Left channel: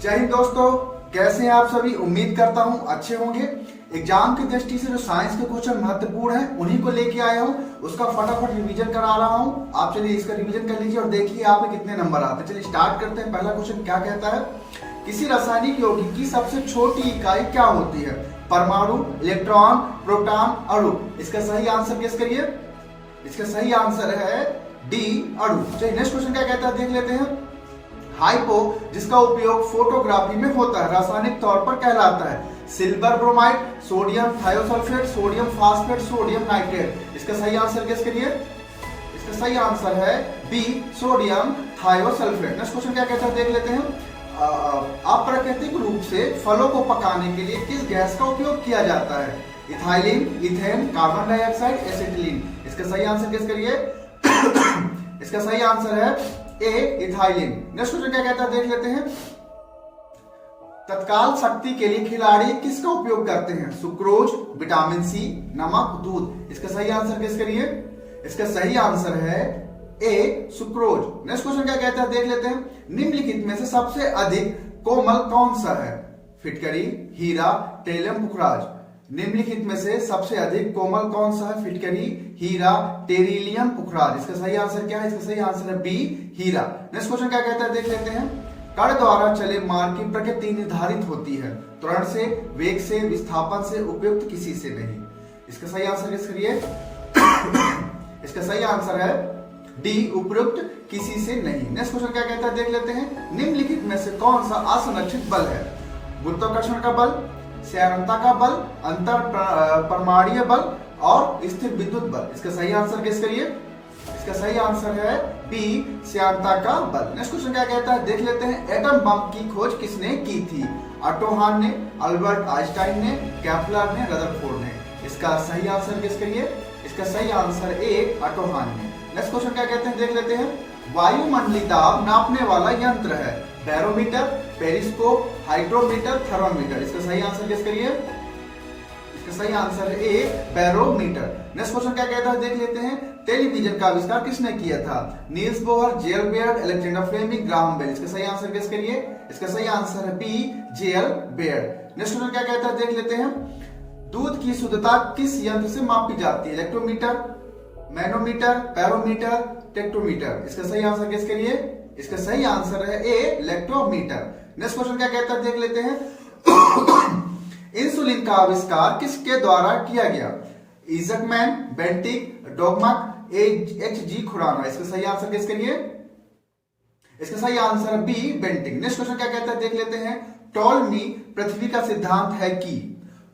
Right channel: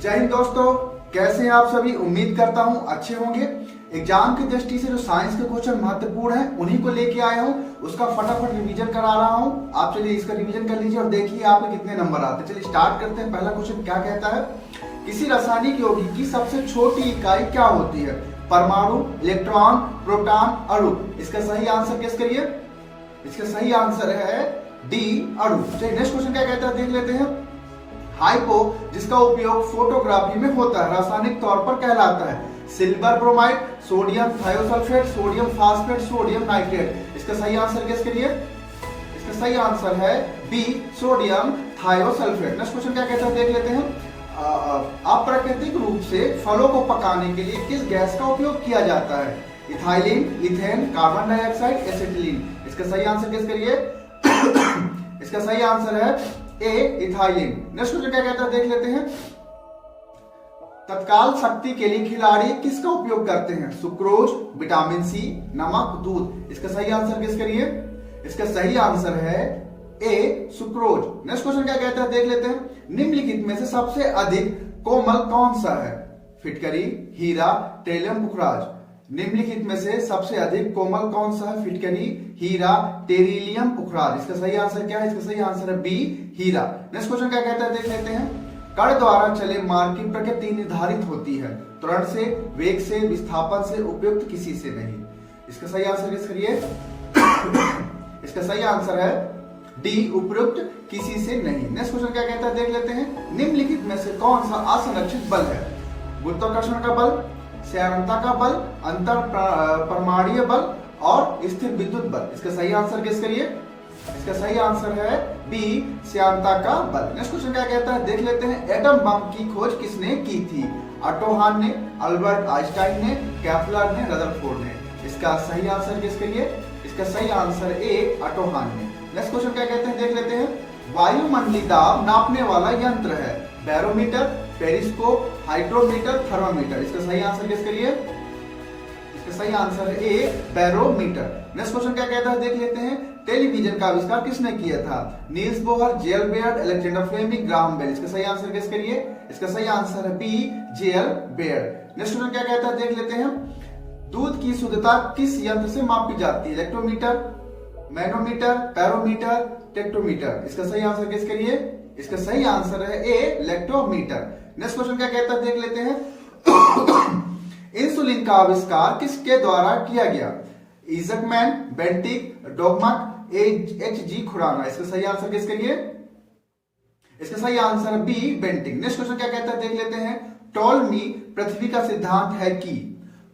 जय हिंद दोस्तों, कैसे हैं आप सभी। उम्मीद करता हूं अच्छे होंगे। एग्जाम की दृष्टि से जो साइंस के क्वेश्चन महत्वपूर्ण है उन्हीं को लेके आया हूं, उसका फटाफट रिवीजन करा रहा हूं। आप चलिए इसका रिवीजन कर लीजिए और देखिए आपके कितने नंबर आते हैं। चलिए स्टार्ट करते हैं। पहला क्वेश्चन क्या कहता है, किसी रासायनिक यौगिक की सबसे छोटी इकाई क्या होती है। परमाणु, इलेक्ट्रॉन, प्रोटॉन, अणु। इसका सही आंसर गेस करिए। इसका सही आंसर है डी, अणु। चलिए नेक्स्ट क्वेश्चन क्या कहता है देख लेते हैं। हाइपो, जिसका उपयोग फोटोग्राफी में होता है, रासायनिक तौर पर कहलाता है silver bromide, sodium thiosulphate, sodium phosphate, sodium nitrate. इसका सही आंसर गेस करिए। इसका सही आंसर है B, sodium thiosulphate. Next question क्या कहता है देख लेते हैं। अप्राकृतिक रूप से फलों को पकाने के लिए किस गैस का उपयोग किया जाता है। Ethylene, ethane, carbon dioxide, acetylene. इसका सही आंसर गेस करिए। इसका सही आंसर है ए, इथाइलिन। नेक्स्ट क्वेश्चन क्या कहता है देख लेते हैं। तत्काल शक्ति के लिए खिलाड़ी किसका उपयोग करते हैं। सुक्रोज, विटामिन सी, नमक, दूध। इसका सही आंसर गेस करिए। इसका सही आंसर है ए, सुक्रोज। नेक्स्ट क्वेश्चन क्या कहता है देख लेते हैं। निम्नलिखित में से सबसे अधिक कोमल कौन सा है। फिटकरी, हीरा, टेरिलियम, पुखराज। निम्नलिखित में से सबसे अधिक कोमल कौन सा है। फिटकरी, हीरा, टेरिलियम, पुखराज। इसका सही आंसर क्या है। इसका सही आंसर है बी, हीरा। नेक्स्ट क्वेश्चन क्या कहता है देख लेते हैं। कण द्वारा चले मार्ग की प्रकृति निर्धारित होती है त्वरण से, वेग से, विस्थापन से, उपयुक्त किसी से नहीं। इसका सही आंसर गेस करिए। इसका सही आंसर है डी, उपयुक्त किसी से नहीं। नेक्स्ट क्वेश्चन क्या कहता है देख लेते हैं। निम्नलिखित में से कौन सा असंरक्षित बल है। गुरुत्वाकर्षण का बल, श्यानता का बल, अंतर परमाणुीय बल और स्थिर विद्युत बल। इसका सही आंसर गेस करिए। इसका सही आंसर है बी, श्यानता का बल। नेक्स्ट क्वेश्चन क्या कहता है देख लेते हैं। एटम बम की खोज किसने की थी। ऑटो हान ने, अल्बर्ट आइंस्टाइन ने, केपलर ने, रदरफोर्ड ने। इसका सही आंसर गेस करिए। इसका सही आंसर ए, ऑटो हान ने। नेक्स्ट क्वेश्चन क्या कहते हैं देख लेते हैं। वायुमंडलीय दाब नापने वाला यंत्र है। Barometer, periscope, hydrometer, thermometer. इसका सही आंसर गेस करिए। इसका सही आंसर है ए, बैरोमीटर। नेक्स्ट क्वेश्चन क्या कहता है देख लेते हैं। टेलीविजन का आविष्कार किसने किया था। Niels Bohr, JL Baird, Alexander Fleming, Graham Bell. इसका सही आंसर गेस करिए। इसका सही आंसर है B, JL Baird. Next question क्या कहता है देख लेते हैं। दूध की शुद्धता किस यंत्र से मापी जाती है। इलेक्ट्रोमीटर, मैनोमीटर, पैरोमीटर, टेक्टोमीटर। इसका सही आंसर गेस करिए। इसका सही आंसर है ए, इलेक्ट्रोमीटर। नेक्स्ट क्वेश्चन क्या कहता है देख लेते हैं। इंसुलिन का आविष्कार किसके द्वारा किया गया। इजकमैन, बेंटिक, डोगमक, एच.जी. खुराना। इसका सही आंसर गेस करिए। इसका सही आंसर है बी, बेंटिक। नेक्स्ट क्वेश्चन क्या कहता है देख लेते हैं। टॉलमी पृथ्वी का सिद्धांत है कि।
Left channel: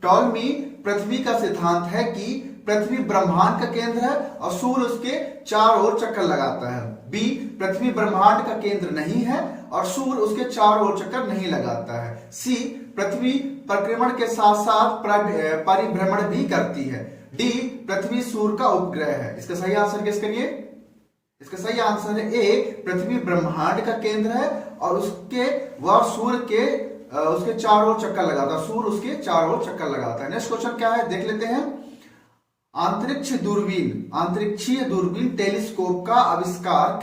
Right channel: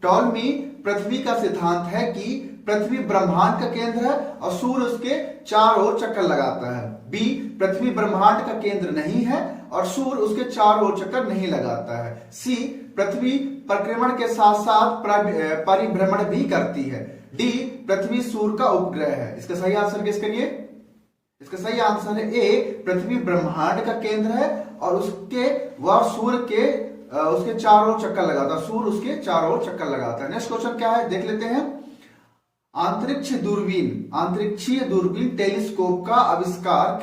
टॉलमी पृथ्वी का सिद्धांत है कि पृथ्वी ब्रह्मांड का केंद्र है और सूर्य उसके चारों ओर चक्कर लगाता है। बी, पृथ्वी ब्रह्मांड का केंद्र नहीं है और सूर्य उसके चारों ओर चक्कर नहीं लगाता है। सी, पृथ्वी परिक्रमण के साथ साथ परिभ्रमण भी करती है। डी, पृथ्वी सूर्य का उपग्रह है। इसका सही आंसर गेस करिए। इसका सही आंसर है ए, पृथ्वी ब्रह्मांड का केंद्र है और वह सूर्य के उसके चारों ओर चक्कर लगाता है। सूर्य उसके चारों ओर चक्कर लगाता है। नेक्स्ट क्वेश्चन क्या है देख लेते हैं। अंतरिक्षीय दूरबीन टेलीस्कोप का आविष्कार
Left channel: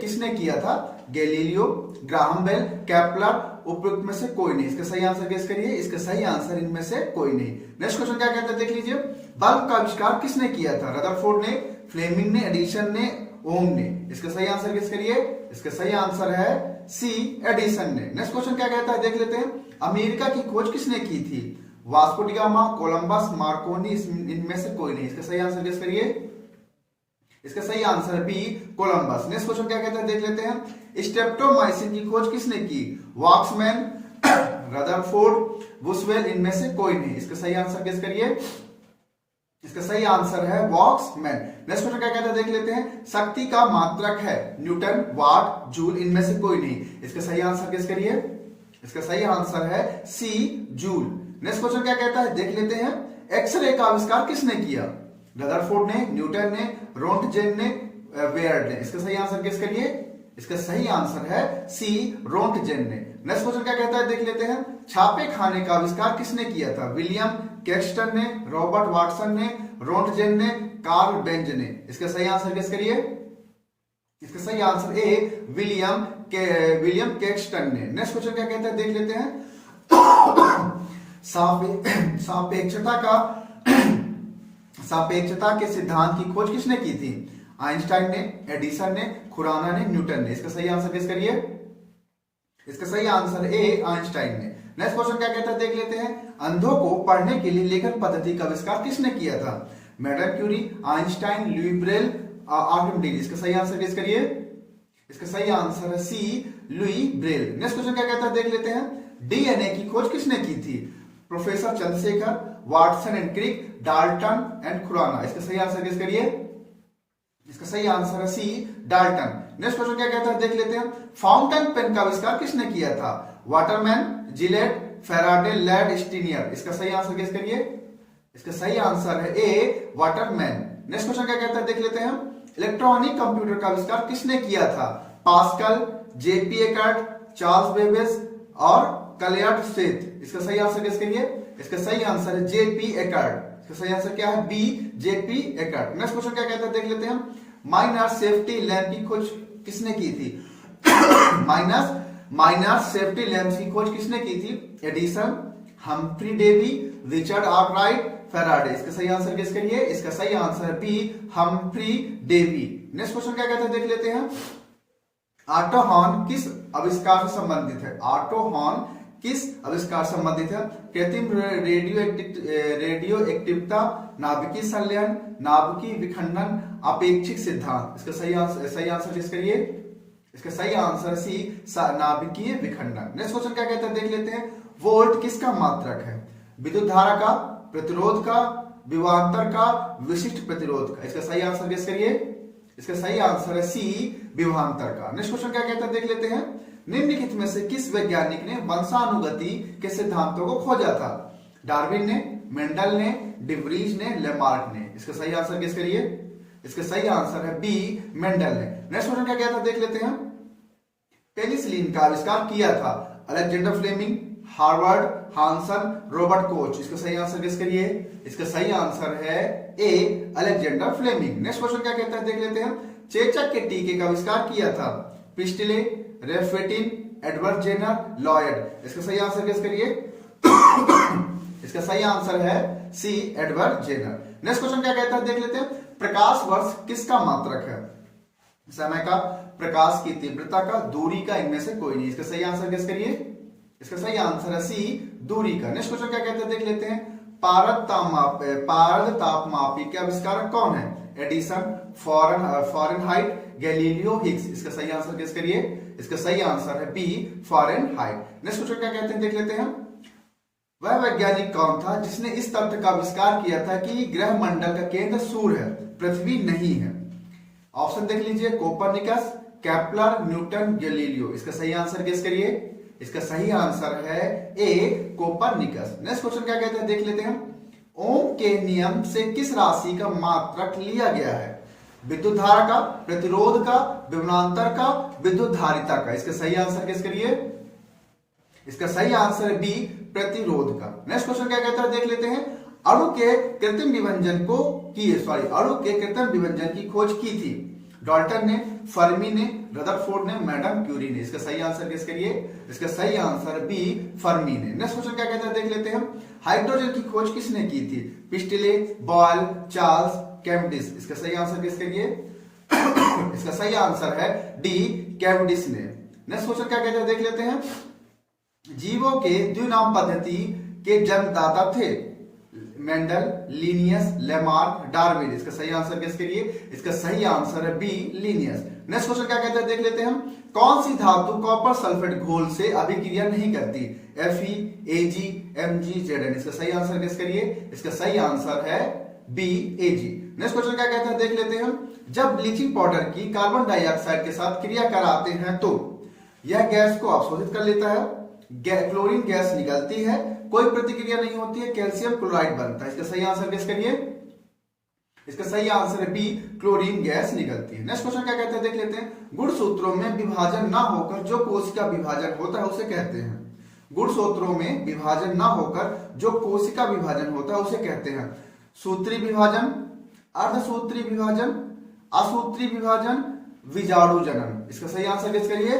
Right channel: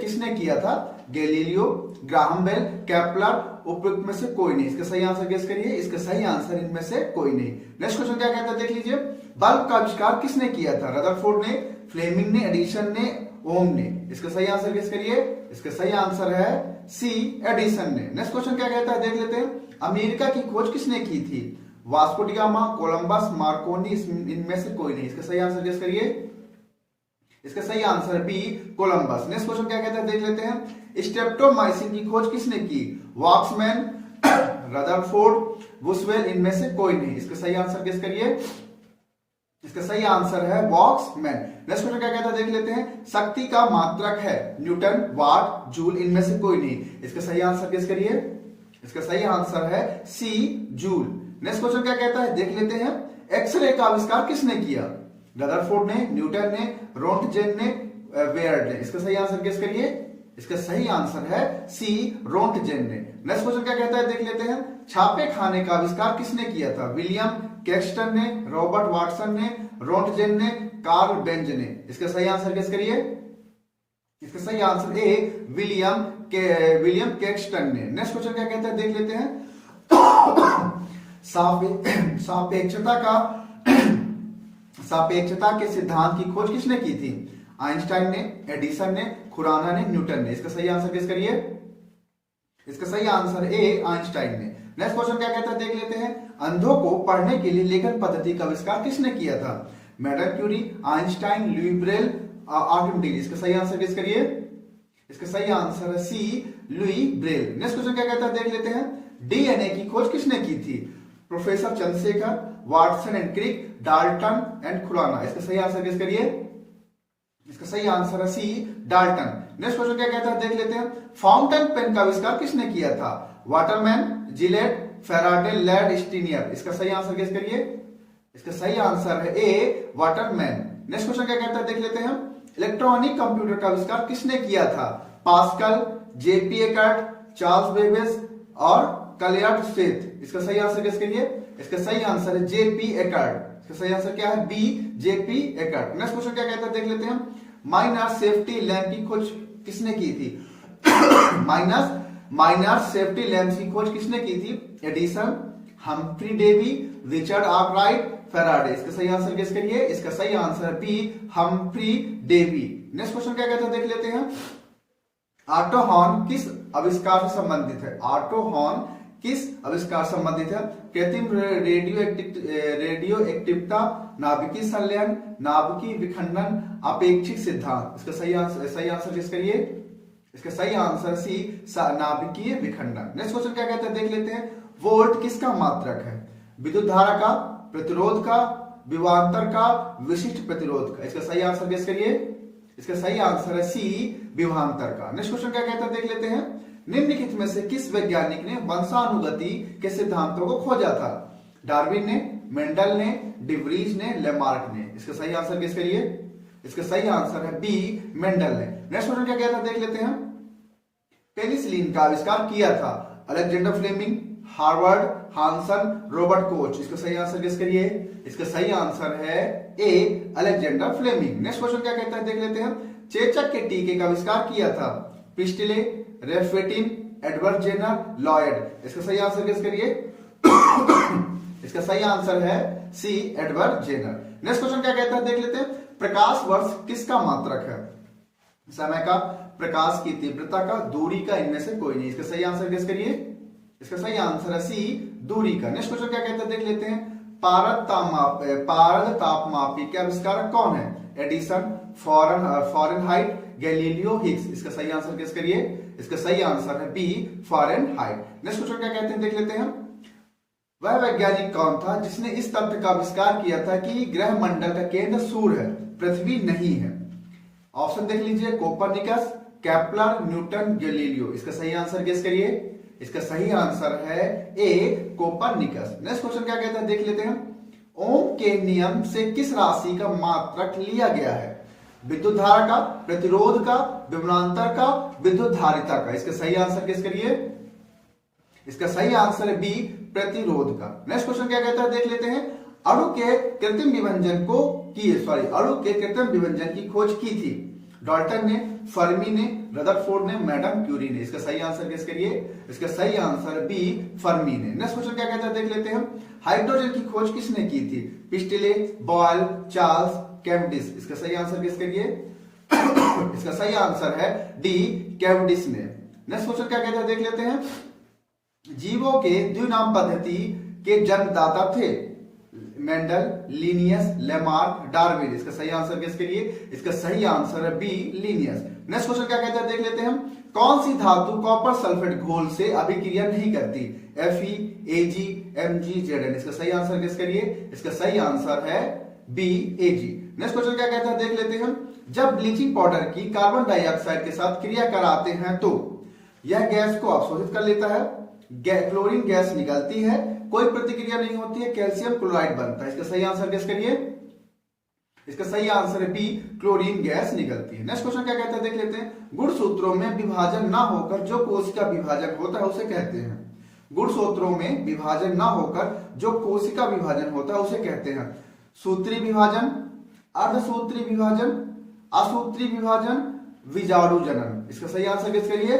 किसने किया था। गैलीलियो, ग्राहम बेल, केपलर, उपयुक्त में से कोई नहीं। इसका सही आंसर गेस करिए। इसका सही आंसर इनमें से कोई नहीं। नेक्स्ट क्वेश्चन क्या कहता है देख लीजिए। बल्ब का आविष्कार किसने किया था। रदरफोर्ड ने, फ्लेमिंग ने, एडिसन ने, ओम ने। इसका सही आंसर गेस करिए। इसका सही आंसर है सी, एडिसन ने। नेक्स्ट क्वेश्चन क्या कहता है देख लेते हैं। अमेरिका की खोज किसने की थी। Vasco D gamma, Columbus, Markovnikov. इनमें से कोई नहीं। इसका सही आंसर गेस करिए। इसका सही answer B, Columbus. Next question क्या कहते हैं देख लेते हैं। स्ट्रेप्टोमाइसिन की खोज किसने की। वॉक्समैन, रदरफोर्ड, बुशवेल। इनमें से कोई नहीं। इसका सही आंसर गेस करिए। इसका सही आंसर है वॉक्समैन। नेक्स्ट क्वेश्चन क्या कहता है देख लेते हैं। शक्ति का मात्रक है। न्यूटन, वाट, जूल। इनमें से कोई नहीं। इसका सही आंसर गेस करिए। इसका सही आंसर है सी, जूल। नेक्स्ट क्वेश्चन क्या कहता है देख लेते हैं। एक्सरे का आविष्कार किसने किया। रदरफोर्ड ने, न्यूटन ने, रोंटगेन ने, बेयर्ड ने। इसका सही आंसर गेस करिए। इसका सही आंसर है सी, रोंटगेन ने। नेक्स्ट क्वेश्चन क्या कहता है देख लेते हैं। छापे खाने का आविष्कार किसने किया था। विलियम कैक्सटन ने, रॉबर्ट वाटसन ने, रोंटगेन ने, कार्ल बेंज ने। इसका सही आंसर गेस करिए। इसका सही answer A, William William Caxton ने। नेक्स्ट क्वेश्चन क्या कहता है देख लेते हैं। सापेक्षता के सिद्धांत की खोज किसने की थी? आइंस्टाइन ने, एडिसन ने, खुराना ने, न्यूटन ने। इसका सही आंसर किस करिए? इसका सही आंसर ए आइंस्टाइन ने। नेक्स्ट क्वेश्चन क्या कहता है देख लेते हैं। अंधों को पढ़ने के लिए लेखन पद्धति का आविष्कार किसने किया था? Madame Curie, Einstein, Louis Braille, Archimedes. इसका सही आंसर किस करिए? इसका सही आंसर है C Louis Braille. Next question क्या कहता है देख लेते हैं। डीएनए की खोज किसने की थी? Professor Chandrasekhar, Watson and Crick, Dalton and Khorana. इसका सही आंसर किस करिए? इसका सही आंसर है सी डाल्टन। नेक्स्ट क्वेश्चन क्या कहता है देख लेते हैं। फाउंटेन पेन का आविष्कार किसने किया था? वाटरमैन, जिलेट, फेराडे, लैड, स्टीनियर। इसका सही आंसर किस करिए? इसका सही आंसर है ए वाटरमैन। नेक्स्ट क्वेश्चन क्या कहता है देख लेते हैं। इलेक्ट्रॉनिक कंप्यूटर का आविष्कार किसने किया था? Pascal, JP Eckert, Charles Babbage और कलियर्ड स्मिथ। इसका सही आंसर किस करिए? इसका सही आंसर है जेपी एकर्ट। इसका सही आंसर क्या है? B JP Eckert. Next question क्या कहता है देख लेते हैं। माइनर सेफ्टी लैंप की खोज किसने की थी? माइनर सेफ्टी लैंप की खोज किसने की थी? Edison, Humphry Davy, Richard Arkwright, Faraday. इसका सही आंसर किस करिए? इसका सही आंसर है B Humphry Davy. Next question क्या कहते हैं देख लेते हैं। ऑटो हॉर्न किस आविष्कार से संबंधित है? ऑटो हॉर्न किस आविष्कार से संबंधित है? कृत्रिम रेडियो एक्टिवता, नाभिकीय संलयन, नाभिकीय विखंडन, अपेक्षिक सिद्धांत। इसका सही आंसर किस करिए? इसका सही आंसर सी नाभिकीय विखंडन। नेक्स्ट क्वेश्चन क्या कहते हैं देख लेते हैं। वोल्ट किसका मात्रक है? विद्युत धारा का, प्रतिरोध का, विभवांतर का, विशिष्ट प्रतिरोध का। इसका सही आंसर किस करिए? इसका सही आंसर है सी विभवांतर का। नेक्स्ट क्वेश्चन क्या कहता है देख लेते हैं। निम्नलिखित में से किस वैज्ञानिक ने वंशानुगति के सिद्धांतों को खोजा था? डार्विन ने, मेंडल ने, डिवरीज ने, लेमार्क ने। इसका सही आंसर किस करिए? इसका सही आंसर है बी मेंडल ने। नेक्स्ट क्वेश्चन क्या कहता है देख लेते हैं। पेनिसिलिन का आविष्कार किया था? Alexander Fleming, Harvard, Hansen, Robert Koch. इसका सही आंसर किस करिए? इसका सही आंसर है A Alexander Fleming. Next question क्या कहता है देख लेते हैं। चेचक के टीके का आविष्कार किया था? प्रिस्टले, रेफेटिन, एडवर्ड जेनर, लॉयड। इसका सही आंसर किस करिए? इसका सही आंसर है C Edward Jenner. Next question क्या कहता है देख लेते हैं। प्रकाश वर्ष किसका मात्रक है? समय का, प्रकाश की तीव्रता का, दूरी का, इनमें से कोई नहीं। इसका सही आंसर किस करिए? इसका सही आंसर है सी दूरी का। नेक्स्ट क्वेश्चन क्या कहते हैं देख लेते हैं। पारद तापमापी के आविष्कारक कौन है? Edison, Fahrenheit, Galileo, Higgs. इसका सही आंसर किस करिए? इसका सही आंसर है बी फॉरेनहाइट। नेक्स्ट क्वेश्चन क्या कहते हैं देख लेते हैं। वह वैज्ञानिक कौन था जिसने इस तथ्य का आविष्कार किया था कि ग्रह मंडल का केंद्र सूर्य है, पृथ्वी नहीं है? ऑप्शन देख लीजिए। Copernicus, Kepler, Newton, Galileo. इसका सही आंसर किस करिए? इसका सही आंसर है ए कोपरनिकस। नेक्स्ट क्वेश्चन क्या कहते हैं देख लेते हैं। ओम के नियम से किस राशि का मात्रक लिया गया है? विद्युत धारा का, प्रतिरोध का, विभवांतर का, विद्युत धारिता का। इसका सही आंसर किस करिए? इसका सही आंसर है बी प्रतिरोध का। नेक्स्ट क्वेश्चन क्या कहता है देख लेते हैं। अणु के कृत्रिम विभंजन की खोज की थी? डाल्टन ने, फर्मी ने, रदरफोर्ड ने, मैडम क्यूरी ने। इसका सही आंसर किस करिए? इसका सही आंसर बी फर्मी ने। नेक्स्ट क्वेश्चन क्या कहता है देख लेते हैं। हाइड्रोजन की खोज किसने की थी? पिस्टिले, बॉयल, चार्ल्स, कैवेंडिश। इसका सही आंसर किस करिए? इसका सही आंसर है डी कैवेंडिश ने। नेक्स्ट क्वेश्चन क्या कहता है देख लेते हैं। जीवों के द्विनाम पद्धति के जन्मदाता थे? Mendel, Linnaeus, Lamarck, Darwin. इसका सही आंसर किसके लिए? इसका सही आंसर है बी लिनियस। नेक्स्ट क्वेश्चन क्या कहते हैं देख लेते हैं हम। कौन सी धातु कॉपर सल्फेट घोल से अभिक्रिया नहीं करती? Fe, Ag, Mg, Zn। इसका सही आंसर किसके लिए? इसका सही आंसर है बी Ag। नेक्स्ट क्वेश्चन क्या कहते हैं देख लेते हैं हम। जब ब्लीचिंग पाउडर की कार्बन डाइऑक्साइड के साथ क्रिया कराते हैं तो यह गैस को अवशोषित कर लेता है, क्लोरीन गैस निकलती है, कोई प्रतिक्रिया नहीं होती है, कैल्शियम क्लोराइड बनता है। इसका सही आंसर किस करिए? इसका सही आंसर है बी क्लोरीन गैस निकलती है। नेक्स्ट क्वेश्चन क्या कहते हैं देख लेते हैं। गुणसूत्रों में विभाजन ना होकर जो कोशिका विभाजन होता है उसे कहते हैं। गुणसूत्रों में विभाजन ना होकर जो कोशिका विभाजन होता है उसे कहते हैं सूत्री विभाजन, अर्धसूत्री विभाजन, असूत्री विभाजन, विजाणु जनन। इसका सही आंसर किसके लिए?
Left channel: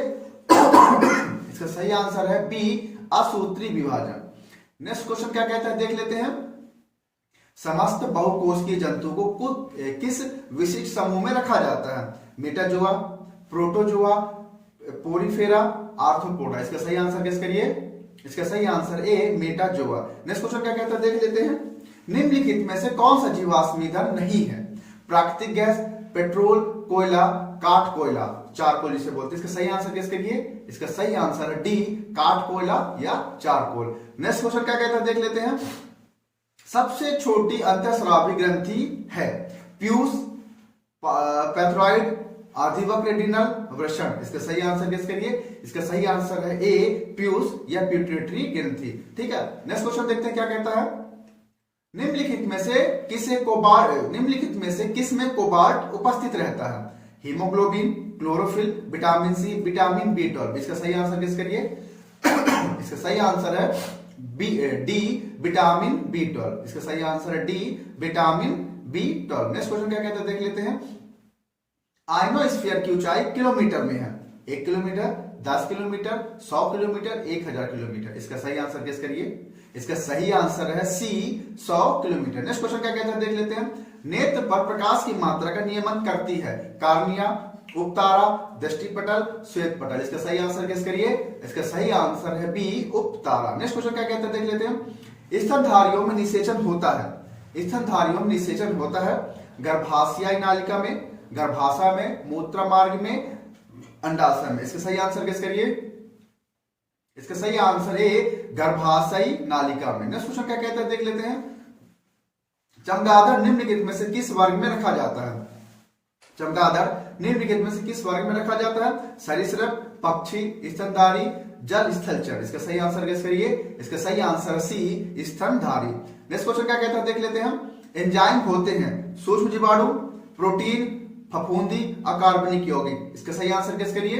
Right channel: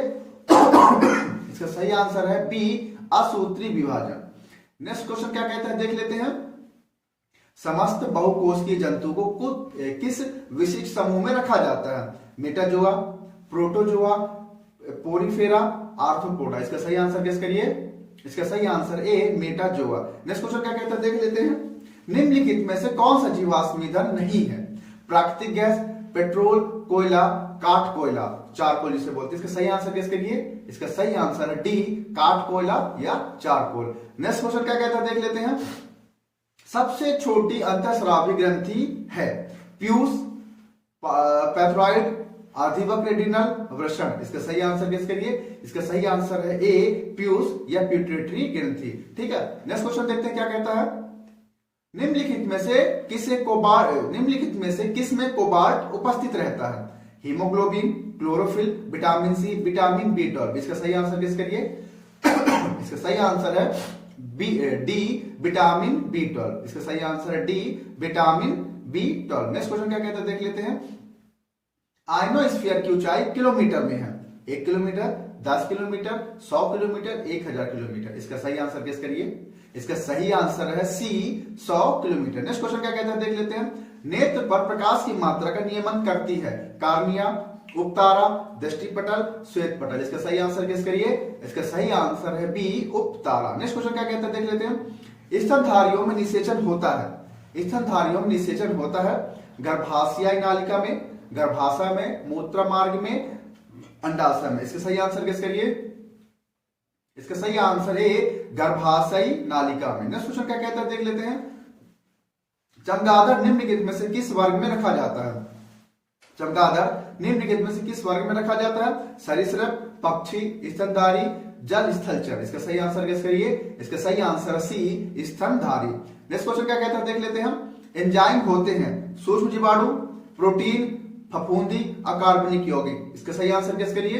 इसका सही आंसर है बी, असूत्री विभाजन। नेक्स्ट क्वेश्चन क्या कहता है, देख लेते हैं। समस्त बहुकोषीय जंतु को किस विशिष्ट समूह में रखा जाता है? Metazoa, protozoa, Porifera, arthropoda. इसका सही आंसर गेस करिए। इसका सही answer A, Metazoa. Next question क्या कहता है, देख लेते हैं। निम्नलिखित में से कौन सा जीवाश्म ईंधन नहीं है? प्राकृतिक गैस, पेट्रोल, कोयला, काठ कोयला, चारकोल जिसे बोलते हैं। इसका सही आंसर गेस करिए। इसका सही आंसर है डी, काठ कोयला या चारकोल। नेक्स्ट क्वेश्चन क्या कहता है, देख लेते हैं। सबसे छोटी अंतःस्रावी ग्रंथि है? पीयूष, पैथरॉइड, अधिवक्र, रेडिनल, वृषण। इसका सही आंसर गेस करिए। इसका सही आंसर है ए, पीयूष या प्यूटेटरी ग्रंथि। ठीक है, नेक्स्ट क्वेश्चन देखते हैं क्या कहता है। निम्नलिखित में से किस में कोबाल्ट उपस्थित रहता है? Haemoglobin, chlorophyll, vitamin C, vitamin बी12। इसका सही आंसर गेस करिए। इसका सही आंसर है डी, विटामिन बी12। इसका सही आंसर है D, vitamin B12. Next question क्या कहता है, देख लेते हैं। आयनोस्फीयर की ऊंचाई किलोमीटर में है? 1 किलोमीटर, 10 किलोमीटर, 100 किलोमीटर, 1000 किलोमीटर। इसका सही आंसर गेस करिए। इसका सही आंसर है सी, 100 किलोमीटर। नेक्स्ट क्वेश्चन क्या कहता है, देख लेते हैं। नेत्र पर प्रकाश की मात्रा का नियमन करती है? कार्निया, उपतारा, दृष्टिपटल, श्वेत पटल। इसका सही आंसर गेस करिए। इसका सही आंसर है बी, उपतारा। नेक्स्ट क्वेश्चन क्या कहता है, देख लेते हैं। स्तनधारियों में निषेचन होता है? स्तनधारियों में निषेचन होता है गर्भाशयी नालिका में, गर्भाशय में, मूत्र मार्ग में, अंडाशय में। इसका सही आंसर गेस करिए। इसका सही आंसर ए, गर्भाशयी नालिका में। नेक्स्ट क्वेश्चन क्या कहता है, देख लेते हैं। चमगादड़ निम्नलिखित में से किस वर्ग में रखा जाता है? चमगादड़ निम्नलिखित में से किस वर्ग में रखा जाता है? सरीसृप, पक्षी, स्तनधारी, जल स्थलचर। इसका सही आंसर गेस करिए। इसका सही आंसर सी, स्तनधारी। नेक्स्ट क्वेश्चन क्या कहता है, देख लेते हैं हम। एंजाइम होते हैं सूक्ष्म जीवाणु, प्रोटीन, फफूंदी, अकार्बनिक यौगिक। इसका सही आंसर गेस करिए।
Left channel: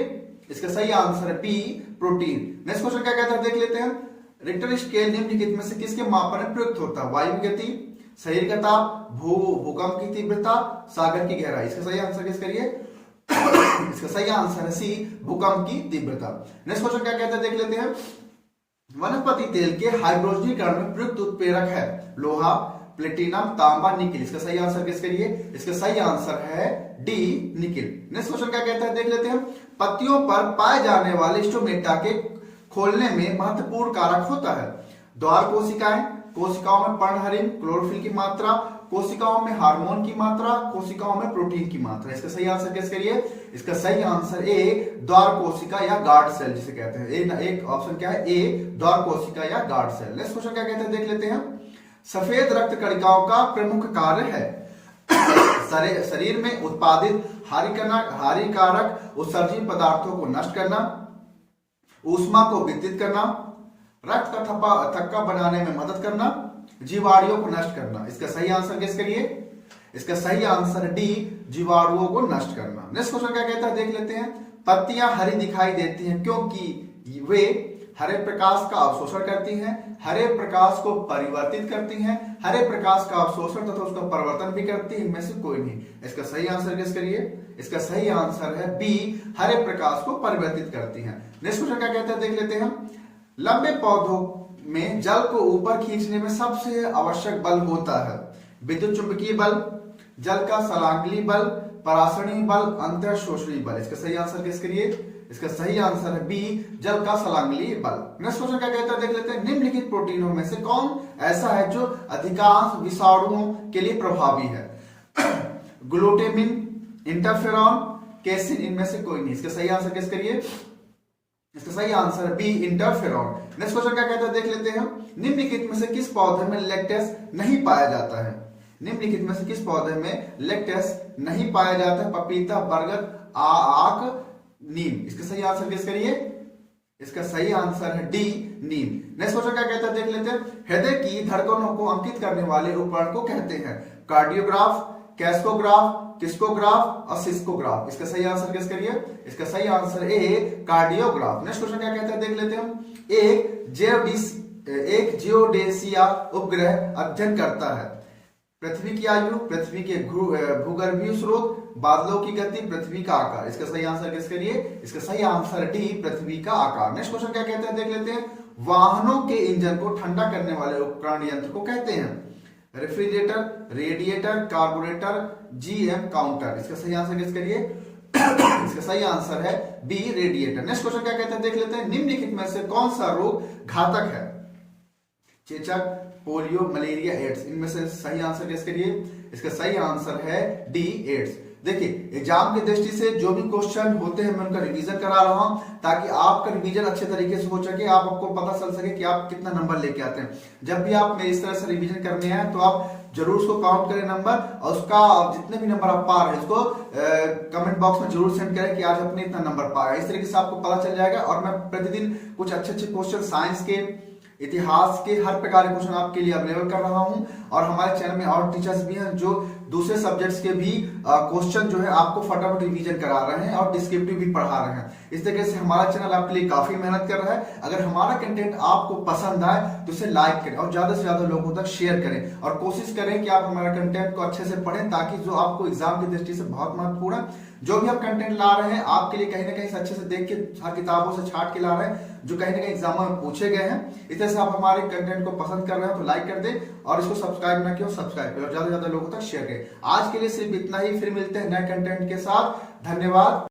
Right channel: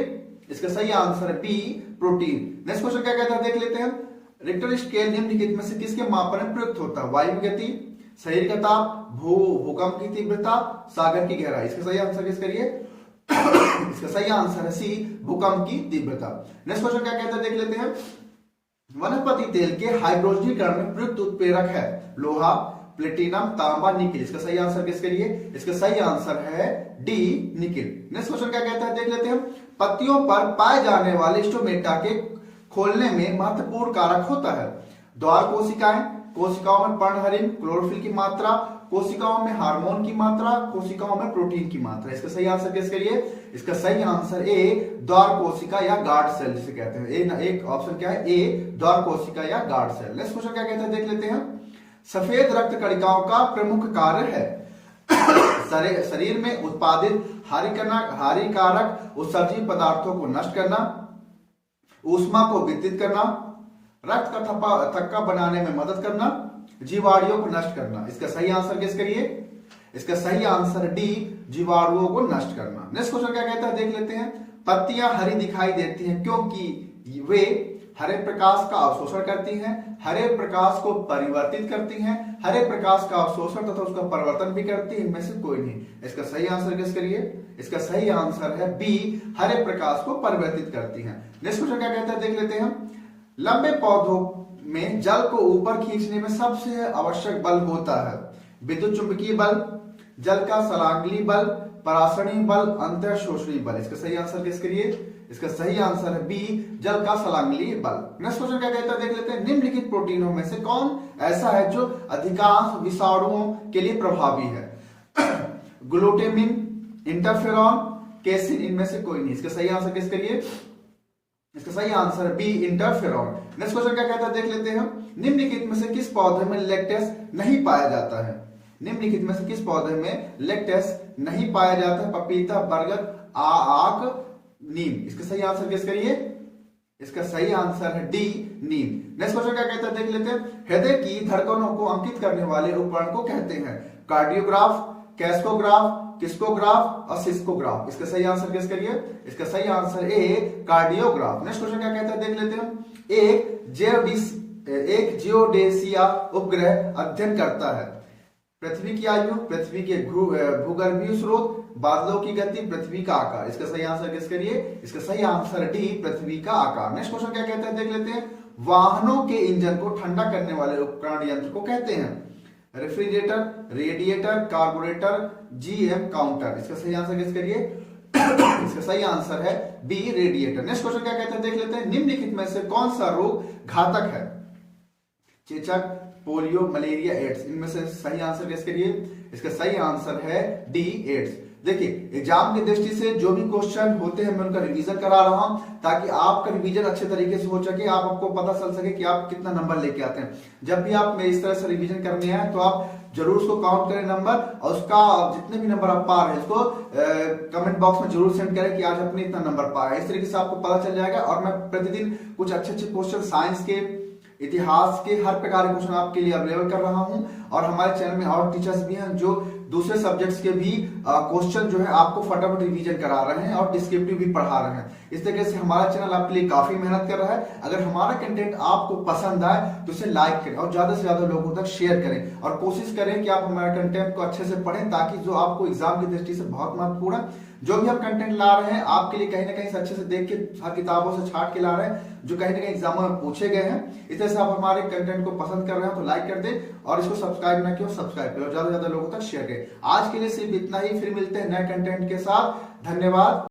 इसका सही आंसर है बी, प्रोटीन। नेक्स्ट क्वेश्चन क्या कहता है, देख लेते हैं। रिक्टर स्केल निम्नलिखित में से किसके मापन में प्रयुक्त होता है? वायु गति, शरीर का ताप, भूकंप की तीव्रता, सागर की गहराई। इसका सही आंसर गेस करिए। इसका सही आंसर है सी, भूकंप की तीव्रता। नेक्स्ट क्वेश्चन क्या कहता है, देख लेते हैं। वनस्पति तेल के हाइड्रोजनीकरण में प्रयुक्त उत्प्रेरक है? लोहा, प्लेटिनम, तांबा, निकिल। इसका सही आंसर गेस करिए। इसका सही आंसर है डी, निकिल। नेक्स्ट क्वेश्चन क्या कहता है, देख लेते हैं। पत्तियों पर पाए जाने वाले स्टोमेटा के खोलने में महत्वपूर्ण कारक होता है? द्वार कोशिकाएं, कोशिकाओं में पर्णहरिण, क्लोरोफिल की मात्रा, कोशिकाओं में हार्मोन की मात्रा, कोशिकाओं में प्रोटीन की मात्रा। इसका सही आंसर गेस करिए। इसका सही आंसर ए, द्वार कोशिका या गार्ड सेल जिसे कहते हैं। एक ऑप्शन क्या है, ए, द्वार कोशिका या गार्ड सेल। नेक्स्ट क्वेश्चन क्या कहते हैं, देख लेते हैं। सफेद रक्त कणिकाओं का प्रमुख कार्य है? शरीर में उत्पादित हानिकारक उत्सर्जित पदार्थों को नष्ट करना, ऊष्मा को वितरित करना, रक्त का थक्का बनाने में मदद करना, जीवाणुओं को नष्ट करना। इसका सही आंसर गेस करिए। इसका सही आंसर डी, जीवाणुओं को नष्ट करना। नेक्स्ट क्वेश्चन क्या कहता है, देख लेते हैं। पत्तियां हरी दिखाई देती हैं क्योंकि वे हरे प्रकाश का अवशोषण करती हैं, हरे प्रकाश को परिवर्तित करती हैं, हरे प्रकाश का अवशोषण तथा उसका परिवर्तन भी करती है। इनमें से कोई नहीं। इसका सही आंसर गेस करिए। इसका सही आंसर है बी, हरे प्रकाश को परिवर्तित करती हैं। नेक्स्ट क्वेश्चन क्या कहता है, देख लेते हैं। लंबे पौधों में जल को ऊपर खींचने में सबसे आवश्यक बल होता है? विद्युत चुंबकीय बल, जल का सलांगली बल, परासरणीय बल, अंतःशोषणी बल। इसका सही आंसर गेस करिए। इसका सही आंसर है बी, जल का सलांगली बल। नेक्स्ट क्वेश्चन क्या कहता है, देख लेते हैं। निम्नलिखित प्रोटीनों में से कौन ऐसा है जो अधिकांश विषाणुओं के लिए प्रभावी है? Glutamine, interferon, casein. इनमें से कोई नहीं। इसका सही आंसर गेस करिए। इसका सही answer B, interferon. Next question क्या कहता है, देख लेते हैं। निम्नलिखित में से किस पौधे में लैक्टेस नहीं पाया जाता है? निम्नलिखित में से किस पौधे में लैक्टेस नहीं पाया जाता है? पपीता, बरगद, आक, नीम। इसका सही आंसर गेस करिए। इसका सही आंसर है डी, नीम। नेक्स्ट क्वेश्चन क्या कहता है, देख लेते हैं। हृदय की धड़कनों को अंकित करने वाले उपकरण को कहते हैं? कार्डियोग्राफ, कैस्कोग्राफ, किस्कोग्राफ और सिस्कोग्राफ। इसका सही आंसर गेस करिए। इसका सही answer A, cardiograph. Next question क्या कहता है, देख लेते हैं। एक जियोडेसिया उपग्रह अध्ययन करता है? पृथ्वी की आयु, पृथ्वी के भूगर्भीय स्रोत, बादलों की गति, पृथ्वी का आकार। इसका सही आंसर गेस करिए। इसका सही आंसर डी, पृथ्वी का आकार। नेक्स्ट क्वेश्चन क्या कहते हैं देख लेते हैं। वाहनों के इंजन को ठंडा करने वाले उपकरण यंत्र को कहते हैं refrigerator, radiator, carburettor, GM counter. इसका सही आंसर गेस करिए। इसका सही आंसर है बी, रेडिएटर। नेक्स्ट क्वेश्चन क्या कहते हैं देख लेते हैं। निम्नलिखित में से कौन सा रोग घातक है? चेचक, पोलियो, मलेरिया, एड्स। इनमें से सही आंसर गेस करिए। इसका सही आंसर है डी, एड्स। देखिए, एग्जाम की दृष्टि से जो भी क्वेश्चन होते हैं मैं उनका रिवीजन करा रहा हूं ताकि आपका रिवीजन अच्छे तरीके से हो सके, आपको पता चल सके कि आप कितना नंबर लेके आते हैं। जब भी आप मेरे इस तरह से रिवीजन करने आए तो आप जरूर उसको काउंट करें नंबर, और उसका जितने भी नंबर आप पा रहे हैं उसको कमेंट बॉक्स में जरूर सेंड करें कि आज आपने इतना नंबर पाया। इस तरीके से आपको पता चल जाएगा। और मैं प्रतिदिन कुछ अच्छे अच्छे क्वेश्चन साइंस के, इतिहास के, हर प्रकार के क्वेश्चन आपके लिए अवेलेबल कर रहा हूं। और हमारे चैनल में और टीचर्स भी हैं जो दूसरे सब्जेक्ट्स के भी क्वेश्चन जो है आपको फटाफट रिवीजन करा रहे हैं और डिस्क्रिप्टिव भी पढ़ा रहे हैं। इस तरीके से हमारा चैनल आपके लिए काफी मेहनत कर रहा है। अगर हमारा कंटेंट आपको पसंद आए तो इसे लाइक करें और ज्यादा से ज्यादा लोगों तक शेयर करें, और कोशिश करें कि आप हमारा कंटेंट को अच्छे से पढ़ें ताकि जो आपको एग्जाम की दृष्टि से बहुत महत्वपूर्ण जो भी आप कंटेंट ला रहे हैं आपके लिए कहीं ना कहीं से अच्छे से देख के हर किताबों से छाट के ला रहे हैं जो कहीं ना कहीं एग्जाम में पूछे गए हैं। इस तरह से आप हमारे कंटेंट को पसंद कर रहे हो तो लाइक कर दें, और इसको सब्सक्राइब ना किया सब्सक्राइब करें और ज्यादा से ज्यादा लोगों तक शेयर करें। आज के लिए सिर्फ इतना ही, फिर मिलते हैं नए कंटेंट के साथ। धन्यवाद।